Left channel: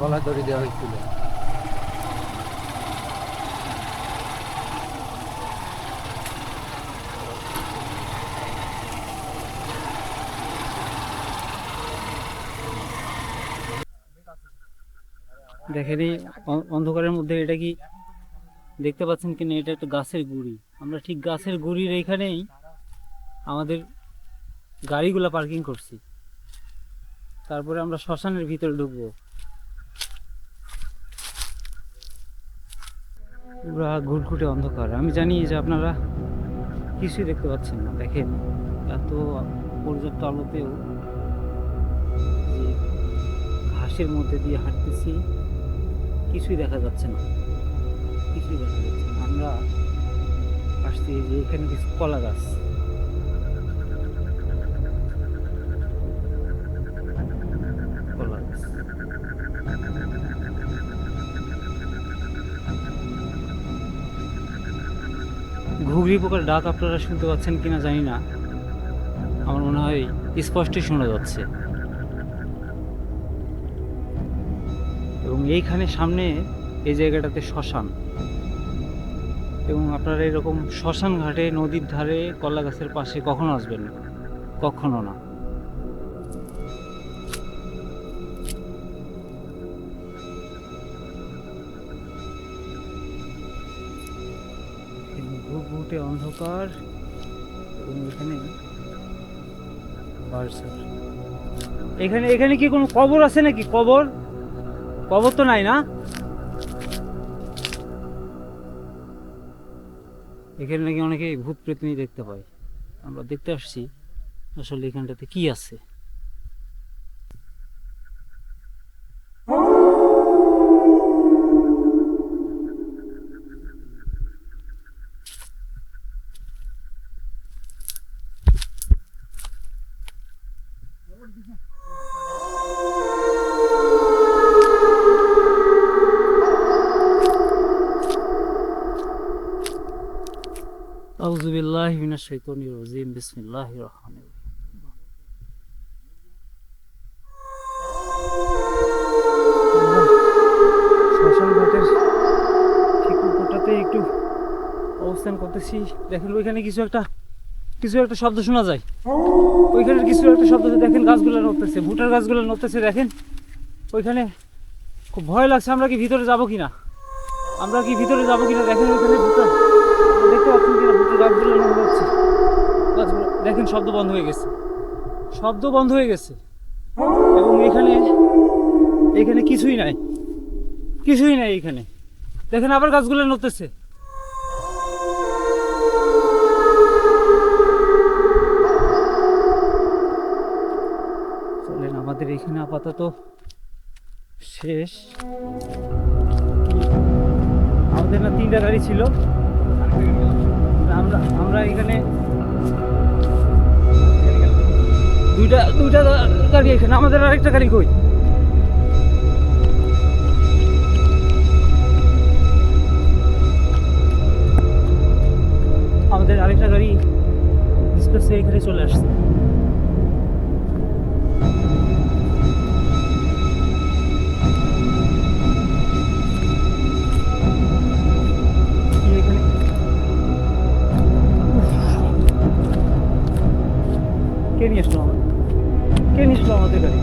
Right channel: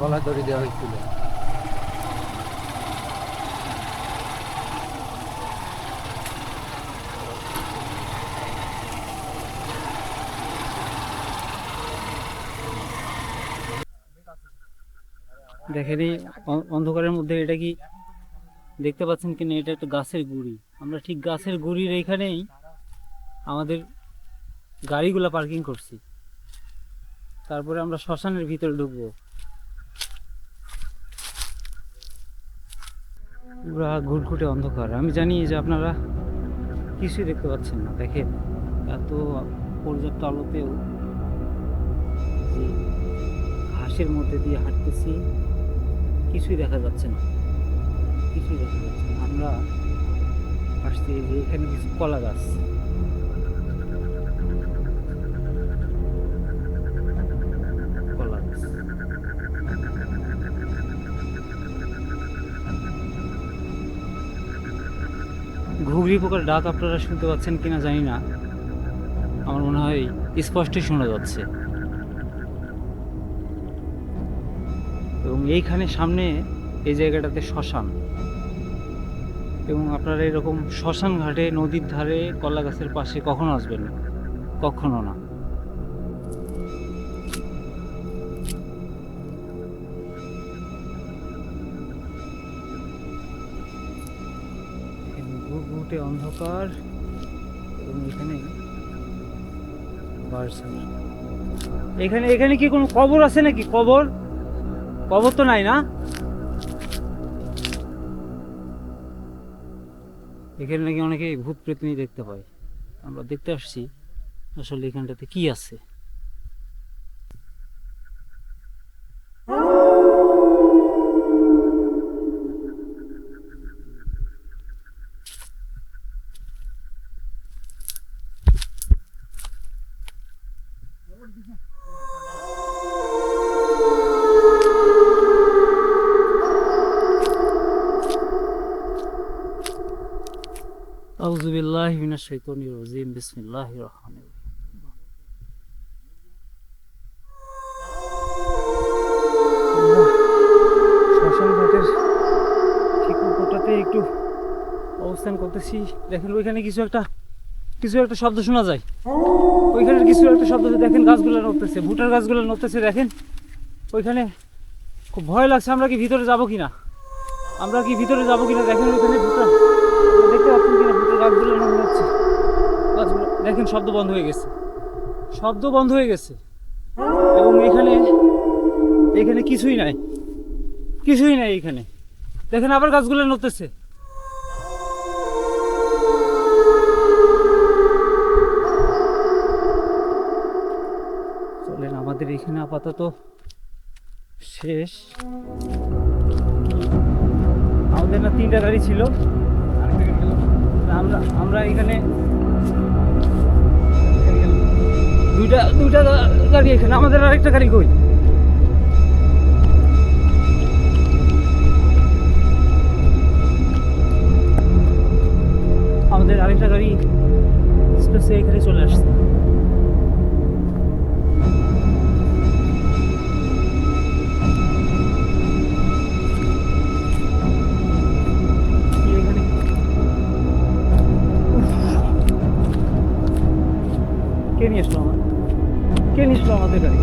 গলা দড়ি দেওয়া হয়েছিল। দেখেন এই অন্ধকারের মধ্যে এটা কি দেখতে পাচ্ছেন কিনা, এটা একটা গাছের গুড়ি। আমরা ঠিক গাছের গুড়ির এইখানেই আমাদের গাড়িগুলা পার্কিং করছি। তারপরে আমরা শ্মশানের ভিতরে ঢুকবো। পুরা ঘুটঘুটে অন্ধকার। আমি জানি যে আপনারা কিছুই দেখতে পাচ্ছেন না। দেখেন এত পর্যাপ্ত আলোতেও যে ঘাসের মধ্যে দিয়ে হাঁটতেছি, কিছুই দেখা যাচ্ছে না, কিছুই দেখা যাচ্ছে না। আমরা আসছি যে এখানে কিছু কলা গাছ, কলা গাছ। ঘুঘরি পোকার ডাক আপনারা শুনতে পাচ্ছেন কিনা জানি না, আমার মনে হয় স্পষ্টই শোনা যাচ্ছে। এবং এইখানে সামনে এই জায়গাটাতে শ্মশান, এবং আপনারা এরকম শ্মশান ঘাটে নদীর ধারে কলা গাছের পাশে কখনো আসবেন না, কখনো না। ঘুটঘুটে অন্ধকার, এবং এখানে বার্সার এখানে এখানে কি কোনো কবর আছে নাকি? কবর কবর তো নাই না? এখানে নাকি অনেকে ভূত প্রেতনি দেখতে পায়। আমরা দেখতে আসছি আসলে এখানটাতে কি আছে। আউযু বিল্লাহি মিনাশ শাইতানির রাজিম, বিসমিল্লাহির রহমানির রহিম। আমরা শ্মশান ঘাটের ঠিক উপরটাতে একটু অবস্থান করতেছি। দেখেন ওইখানে কিছু একটা শব্দ শোনা যায়। ওইখানে কিছু একটা শব্দ, দেখেন গাছগুলো নড়তেছে, ভুটার গাছগুলো নড়তেছে। দেখেন ওইখানে খুব ভয় লাগছে। আমরা কি ভিতরে যাবো কিনা, দেখেন ওইখানে ভুটার, দেখতে পাচ্ছেন কিনা ভুটার গাছগুলো নড়ছে। গাছগুলো দেখেন শব্দ বন্ধ হয়ে গেছে, এবং এখানে কিছুই নাই এখানে। দেখেন আবার গাছগুলো নড়তেছে। চলেন, আমাদের এখানে আপাতত শেষ। আমাদের না 3টা গাড়ি ছিল, আমরা এখানে দুইটা গাড়ি এখানে। আমাদের আরেকটা গাড়ি কই? আমাদের আরেকটা গাড়ি ডিসপ্লেসে এখানে চলে আসছে। এখানে কে নিয়ে আসলো আমাদের গাড়ি?